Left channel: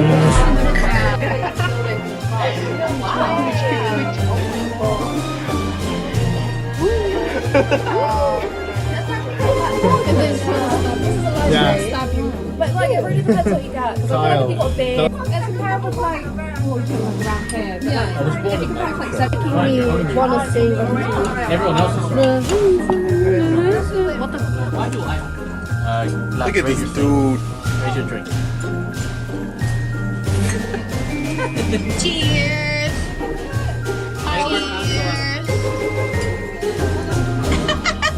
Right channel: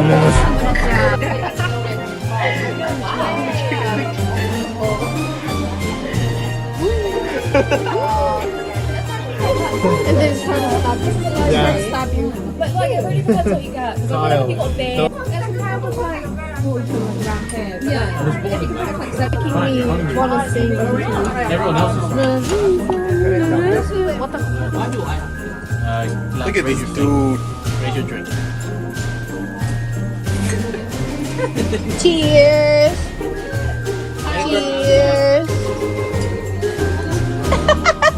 But like I've already forgot what you got. Kyle. And Kyle was like, oh, you're talking about round head. Yeah. If you can pack like that, Fine, you're on Everyone else is what the? Look at this dude. Raise your drink. Cheers. Cheers.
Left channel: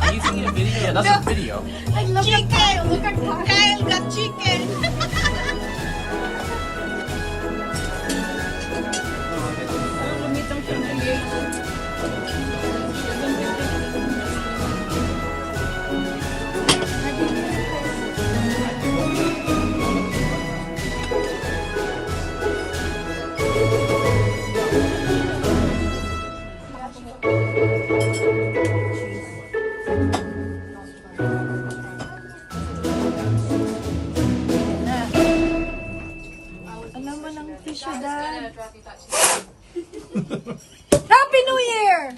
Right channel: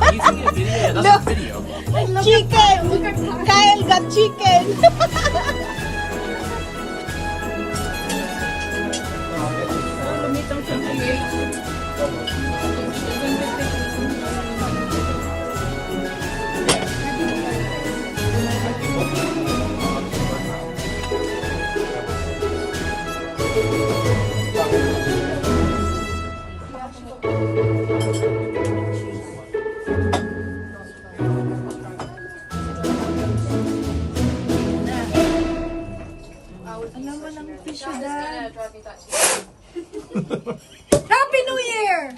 Are you taking a video? Yeah, that's a video. Chicken. Look at Kyle got chicken. Happy New Year!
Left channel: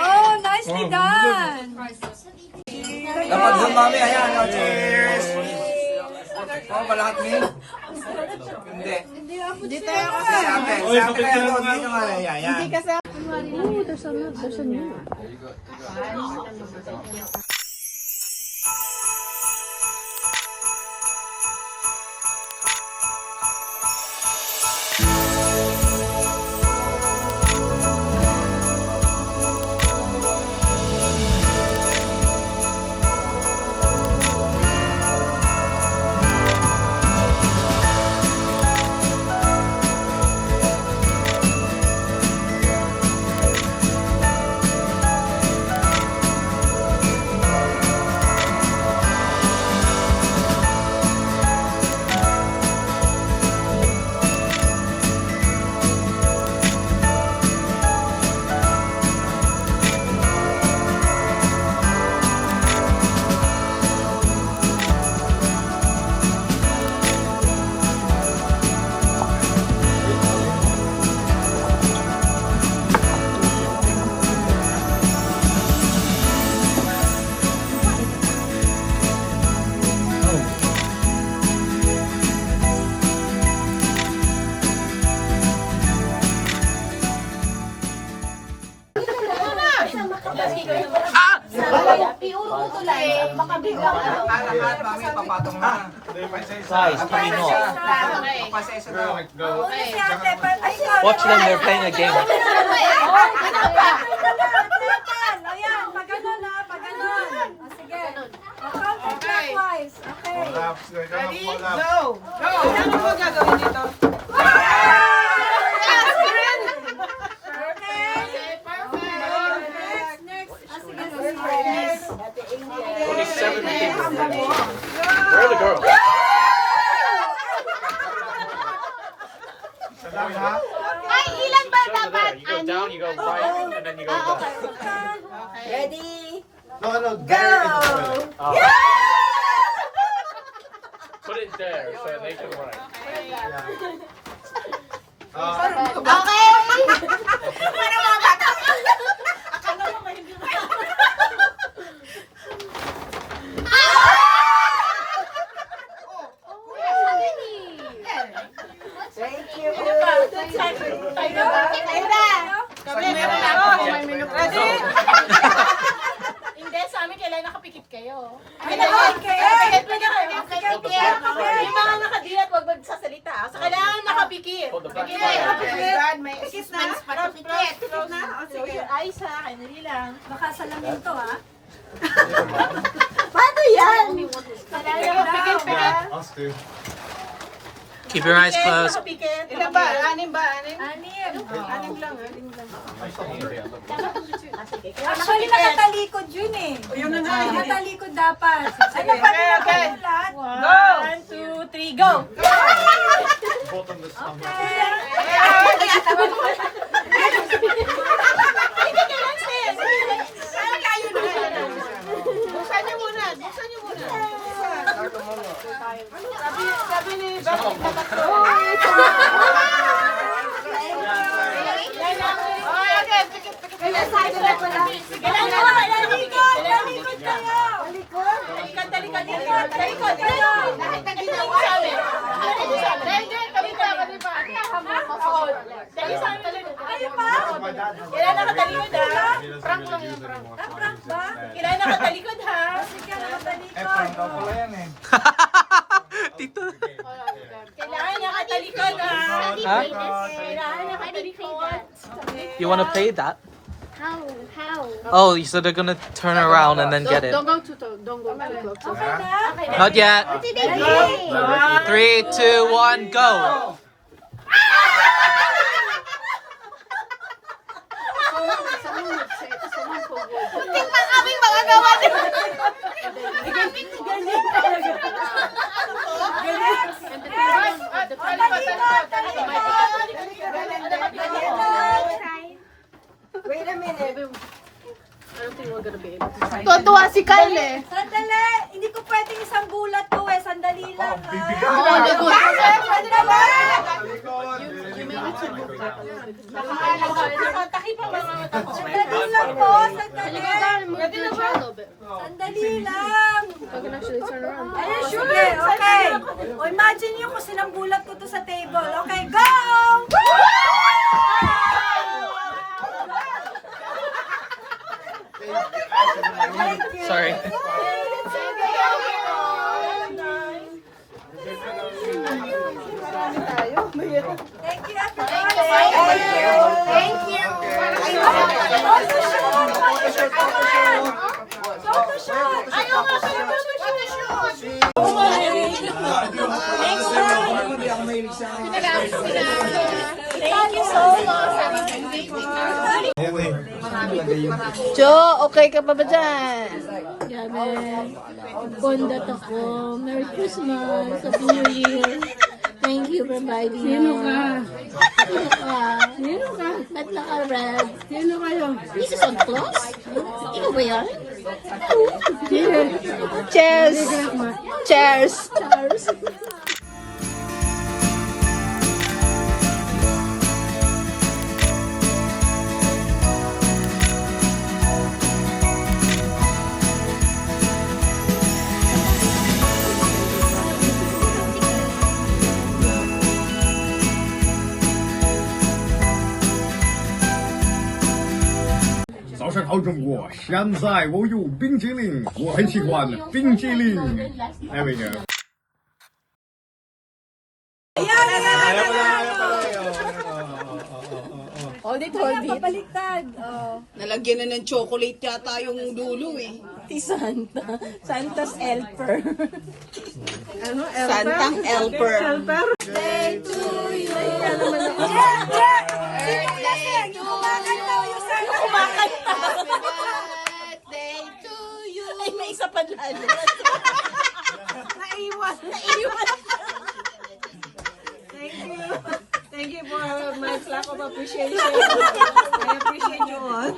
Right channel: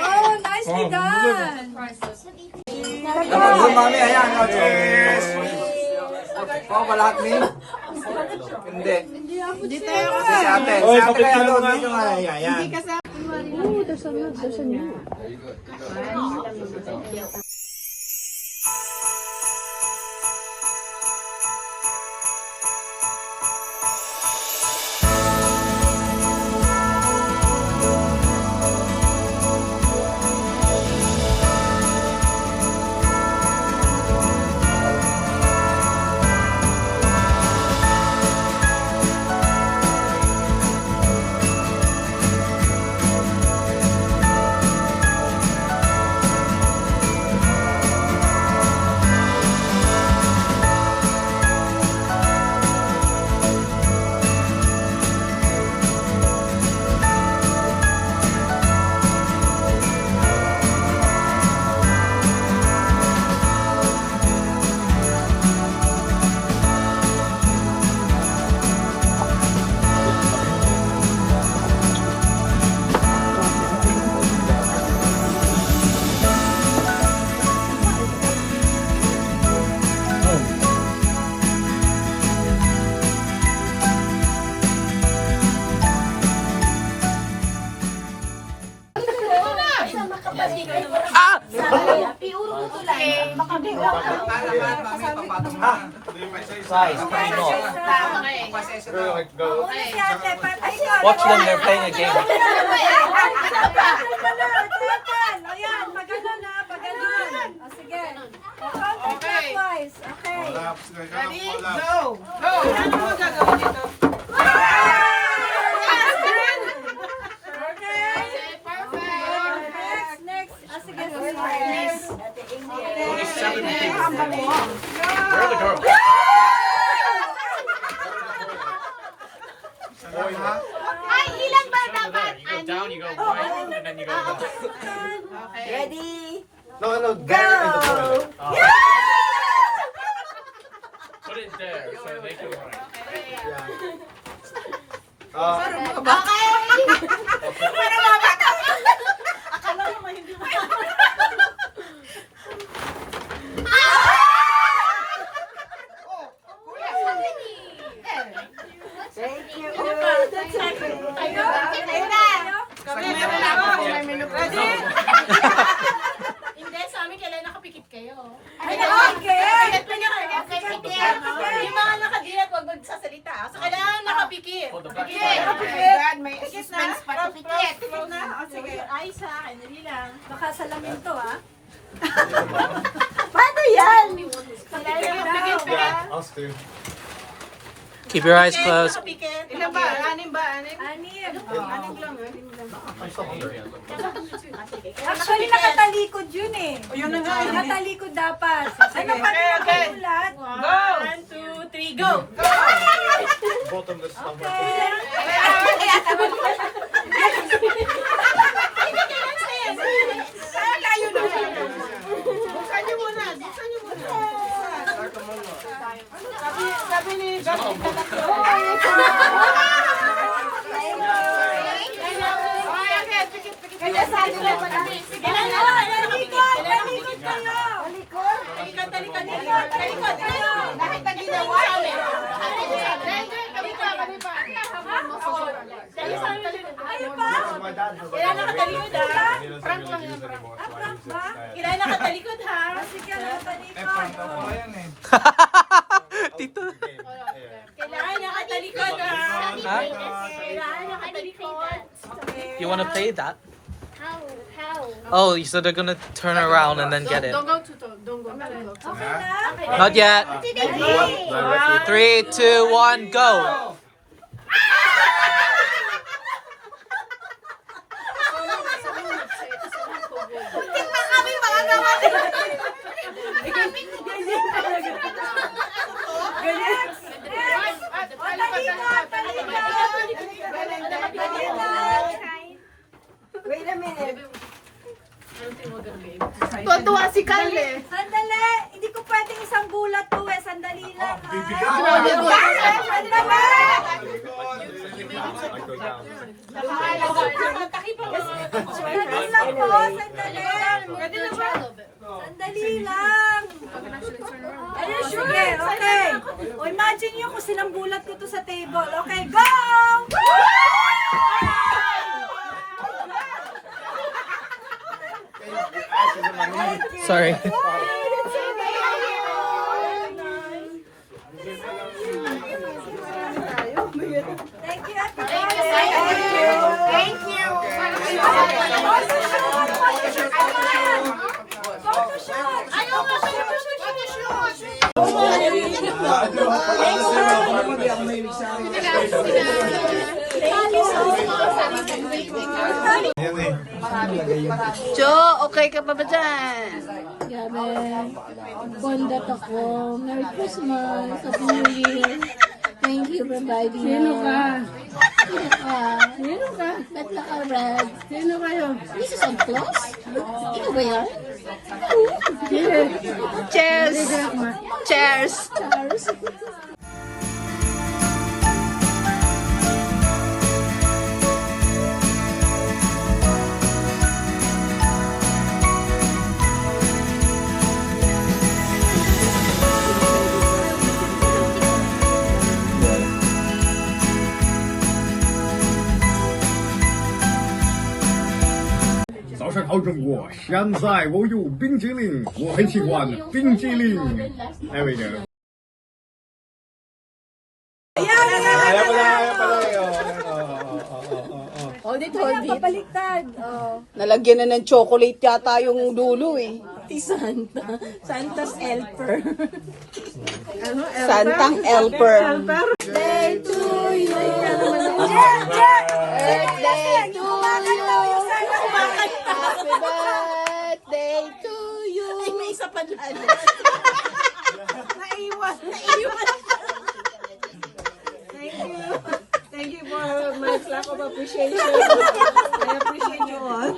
Oh, nicely done! Kapag dumami, ayan, oh, cheers! Pao ba lahat, Mi? Hindi. Hindi tayo kasi. Si ate. Si ate kaya doon, dito nga, ayan. Hindi kasi. Ay, there's a new. Guys, come on. Watch them, they're playing a game. Ayan, pagganon na, pagganon. O sige. Clockwise. Okay. Ready? Go! Go! Ano mo gagawin dito? Next. Ah, sige. Where are the girls? Ay, ilan ba Over there. You go down, you go right, and then you go left. Ready? No, no, Go! Put it there so they can run. Okay! Para mga bata. Akala mo ba hindi ba? Thank you. Meron na ako. May minute. Ready? Hindi, sa amin kailangan nakapikit kayo. Ay, okay! Yung mga nakadilat, huwag magsasalita. So, kailangan nakapikit. Hold the back. God, may Pikit na? suspense pa to. Pikit. Pikit na? O sige. Ayos ha, kayo dali lang. Baka salamin to, ha? Paano yan? Us too. Keep your eyes closed. Nakapikit. Ilan ba? Anim ba? Anim? Anim. Anim lang. Actually, nakatalikod yun eh. Yun na nga. Nakatalikod dapat. Ano pa rin Okay. nakatulat? Go! 1, 2, 3, go! Both of them stumble. Buksan niyo muna. Buksan niyo muna. Kailan nakatalikod ha? Prank lang yan, prank. Prank ba? Kailan nakatalikod ha? Sige, nakatalikod. Tito. Kailangan nakatalikod ha? Huh? Kailangan nakatalikod. You want to play that? How? Oh, so they're gonna turn around and then get it. Don't go too close. Not yet. 3, 2, 1, go. Wait a minute. Tuwa si Kyle eh. Sandali! Hindi ko pwedeng isang bulat to eh. Sandali lang. Pwede na ba? Sandali lang po. Sandali. Sandali lang. Ayun, sige. Okay. O imagine nyo kung silang bulat ko to sa table. Okay, go! Sorry. Thank you, Ate Thank you. Jo, okay ka pa ba dyan? Gabi, bondat ako. Merry Christmas. Happy New Year. Thank you for providing Sino ka? Sino ka? Sino ka? Ba't naka-red? Sino kayo? This is Santa Claus? Ikaw ba yan? Sino? Cheers! Cheers! Cheers!早上好，中国！现在我有冰激凌，我很喜欢冰激凌。There we go. Hold it, hold it. Baliktad. Oh. Nalagyan na ng chocolate yata yung dulo eh. Ti Santa. Santa's helper. Ano? Helper? Santang helper. Birthday to you. Birthday to you. Kumakanta. Happy birthday to you! Ay, may isa pa dyan. Naiwan. Thank you for my lack of appreciation. I appreciate you all.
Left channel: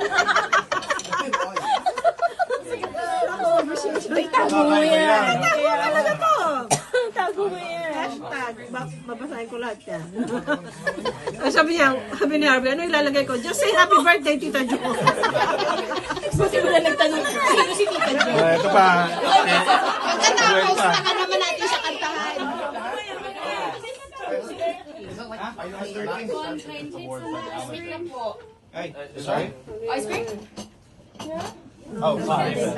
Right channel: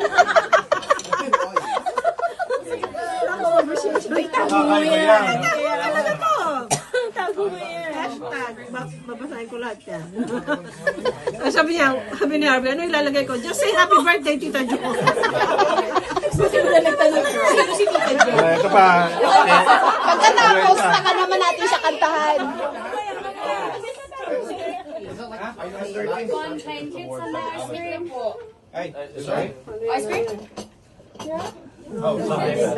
Ay, tago mo yan! Ano na to? Tago mo yan. Hashtag. Babasahin ko lahat yan. Sabi ni Harvey, ano ilalagay ko? Just say happy birthday, Tita Jo. Kasi mo na nagtanong, sino si Tita Jo? Ito pa. Pagkatapos, taka naman natin sa kantahan.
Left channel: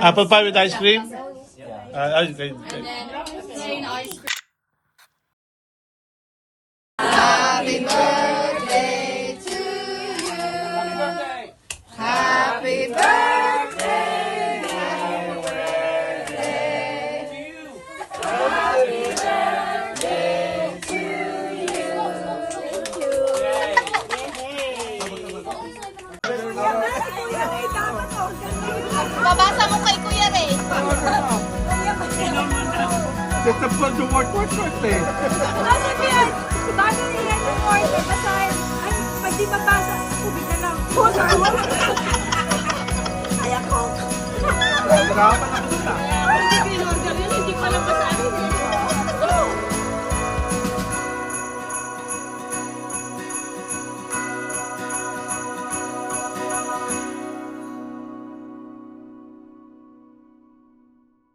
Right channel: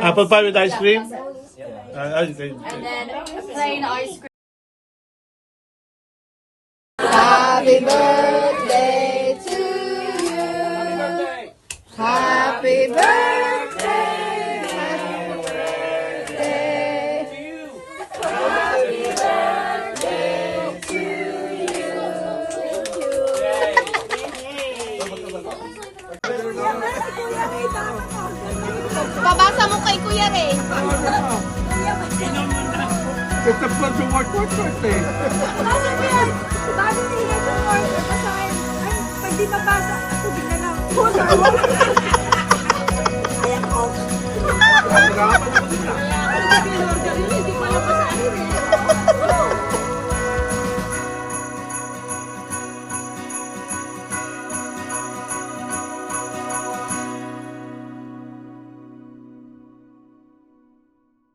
Apple pie with ice cream? Happy birthday to you. Happy birthday. Happy birthday to you. Happy birthday to you. Babasa mo kay Kuya Ray. It's a bunch of work birthday. Kasi yan, bago nilagay yung order, basahin. Ay, pag di mabasa, tubig na lang. Ay, ako. Nagkakapan ako sila.